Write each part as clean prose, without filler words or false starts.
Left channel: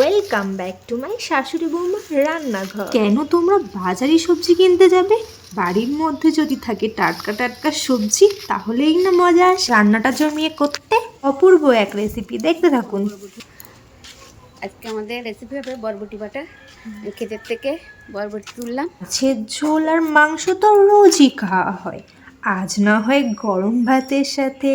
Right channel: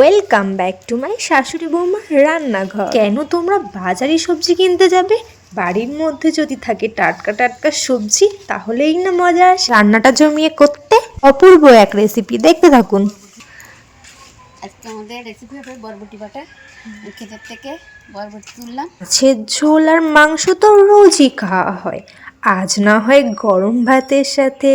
Welcome back to my শাশুড়ি বৌমা রান্নাঘর। কেন তোমরা বাজারে সবজি কিনতে যাবে? বাড়ির মধ্যে যদি থাকে টাটকা টাটকা সবজি তাহলেই না মজা আসে রান্নাটা জমিয়ে করতে। অপূর্ব এক রেসিপি, দেখতে থাকুন। আজকে আমাদের রেসিপি হবে বরবটি বাটা। ক্ষেতের থেকে বরবটি তুললাম। মাছের ঝোল আর মাংস তো রোজই খাওয়া হয়, আজ না হয় গরম ভাতের সাথে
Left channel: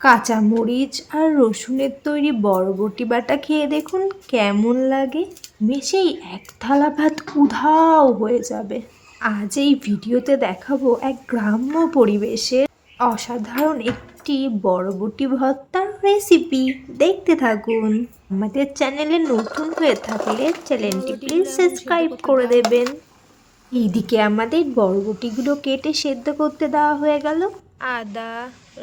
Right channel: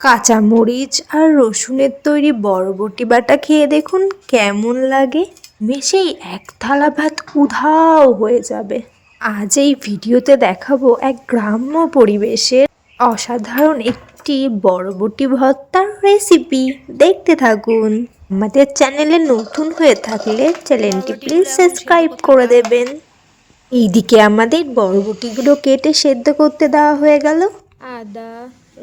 কাঁচামরিচ আর রসুনের তৈরি বরবটি বাটা খেয়ে দেখুন কেমন লাগে। মেশেই এক থালা ভাত উধাও হয়ে যাবে। আজ এই ভিডিওতে দেখাবো এক গ্রাম্য পরিবেশের অসাধারণ একটি বরবটি ভর্তার রেসিপি, দেখতে থাকুন। আমাদের চ্যানেলে নতুন হয়ে থাকলে চ্যানেলটি প্লিজ সাবস্ক্রাইব করে দেবেন। এইদিকে আমাদের বরবটিগুলো কেটে সেদ্ধ করতে দেওয়া হয়ে গেল। আদা,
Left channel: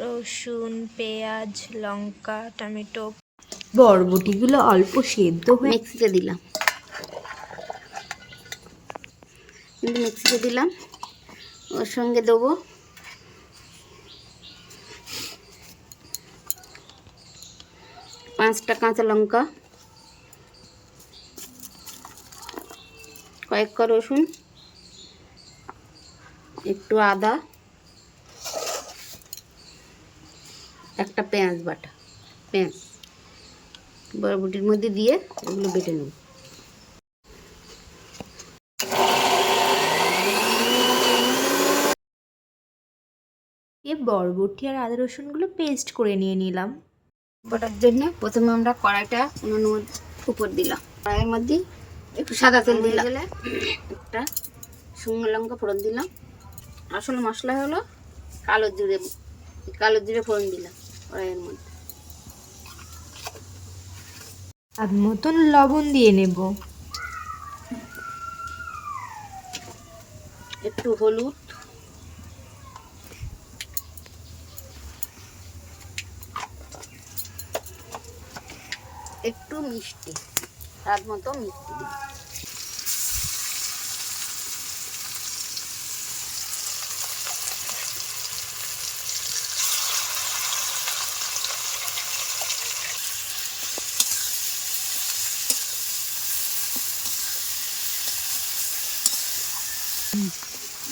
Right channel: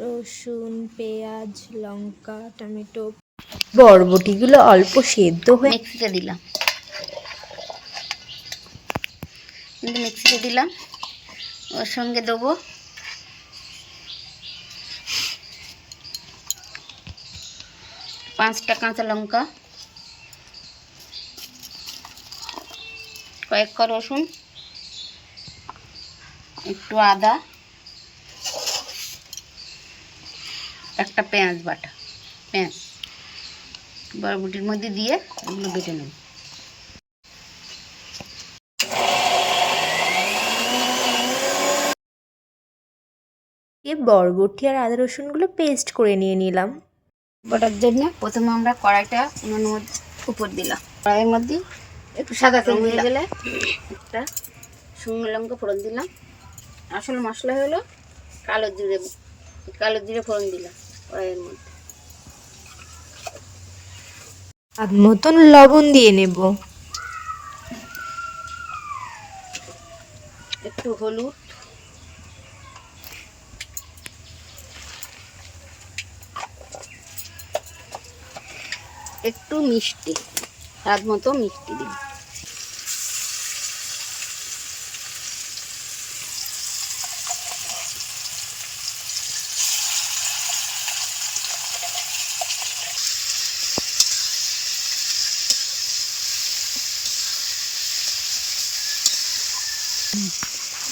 রসুন, পেঁয়াজ, লঙ্কা, টমেটো, বরবটিগুলো অল্প সেদ্ধ হয়ে মিক্সিতে দিলাম, ওর সঙ্গে দেবো পাঁচটা কাঁচা লঙ্কা, কয়েকটা রসুন, একটু আদা, একটা পেঁয়াজ বাটা। পেঁয়াজ বরবটির মধ্যে দিয়ে এগুলো বেটে নেব। বরবটি আর আদা রসুনগুলো পেস্ট করে নিয়ে নিলাম। বাটার জন্য প্রথমে আমরা কড়াইটা উনুনের মধ্যে উপর দিলাম। কড়াইয়ের মধ্যে একটু সাদা তেল দিয়ে গেলে একটা শুকনো লঙ্কা ফোড়ন দিলাম। আসল মশলা হলো কালো জিরে ফোড়ন দিলাম কড়াইয়ের মধ্যে। স্বাদ মতন লবণ দিয়ে নেব, একটু হলুদ, একটু মিষ্টি, স্বাদ মতো মিষ্টি দিই।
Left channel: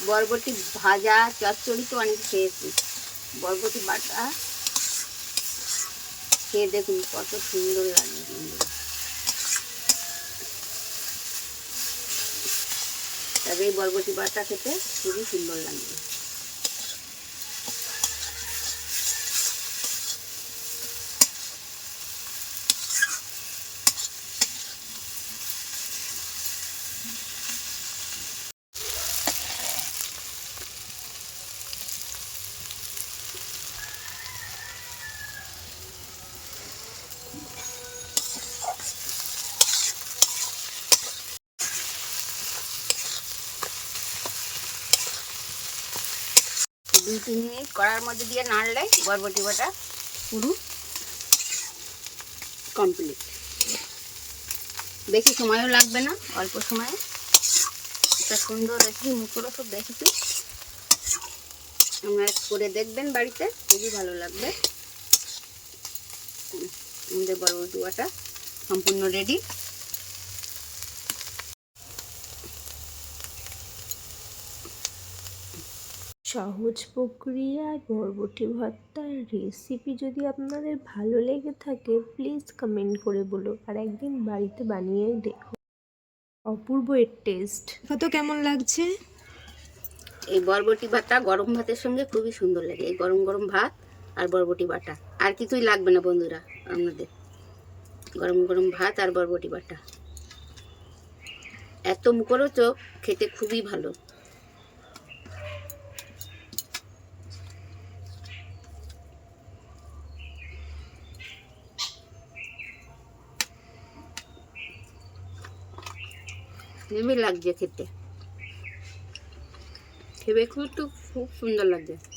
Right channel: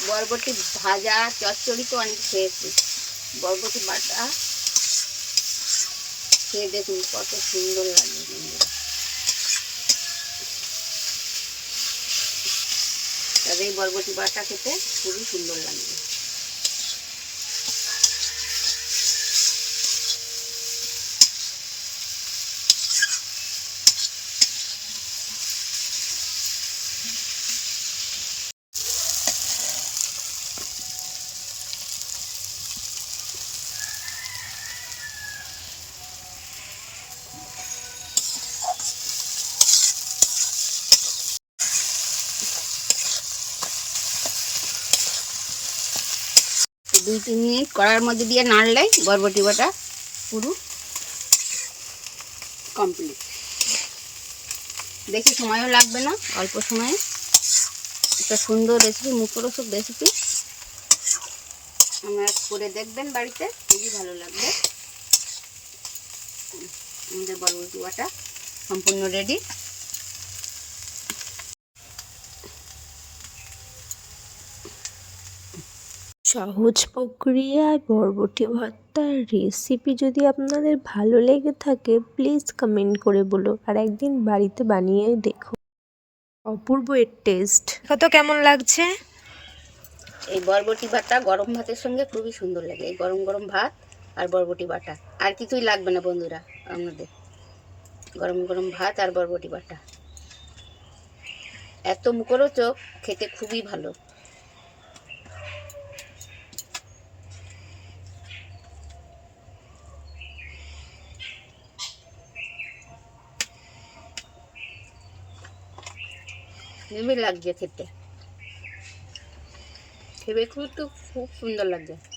বরবটি ভাজা চচ্চড়ি তো অনেক খেয়েছি, বরবটি বাটা খেয়ে দেখুন কত সুন্দর লাগে। তবে এই বরবটি বাটা খেতে খুবই সুন্দর লাগবে। দুই তিন মিনিট কড়ার মধ্যে দিয়ে নাড়লেই বরবটি বাটা পুরো কমপ্লিট। বেশি সময়ও লাগবে না, অল্প সময়ে একটা সুন্দর রেসিপি, মুখরোচক রেসিপি আপনারা করে দেখবেন বাড়িতে, খুবই ভালো লাগবে। আমাদের বরবটি বাটা সম্পূর্ণ রেডি। সহজ প্রক্রিয়ায় বরবটি ভর্তার রেসিপি যদি আপনাদের ভালো লেগে থাকে প্লিজ কমেন্ট করে বলো, আর একদিন বাড়িতে বানিয়ে দেখো। অপূর্ব এর টেস্ট কত কেমন লাগছে। এই বরবটি বাটা গরম ভাতের সঙ্গে খুবই সুন্দর লাগে। এই গরম গরম ভাত আর বরবটি বাটা, আর কিছুই লাগবে না বন্ধুরা। আপনাদের গরম গরম ভাত আর বরবটি বাটা এত মুখরোচক, খেতে খুবই ভালো। হেভি লাগছে খেতে, খুব সুন্দর লাগছে।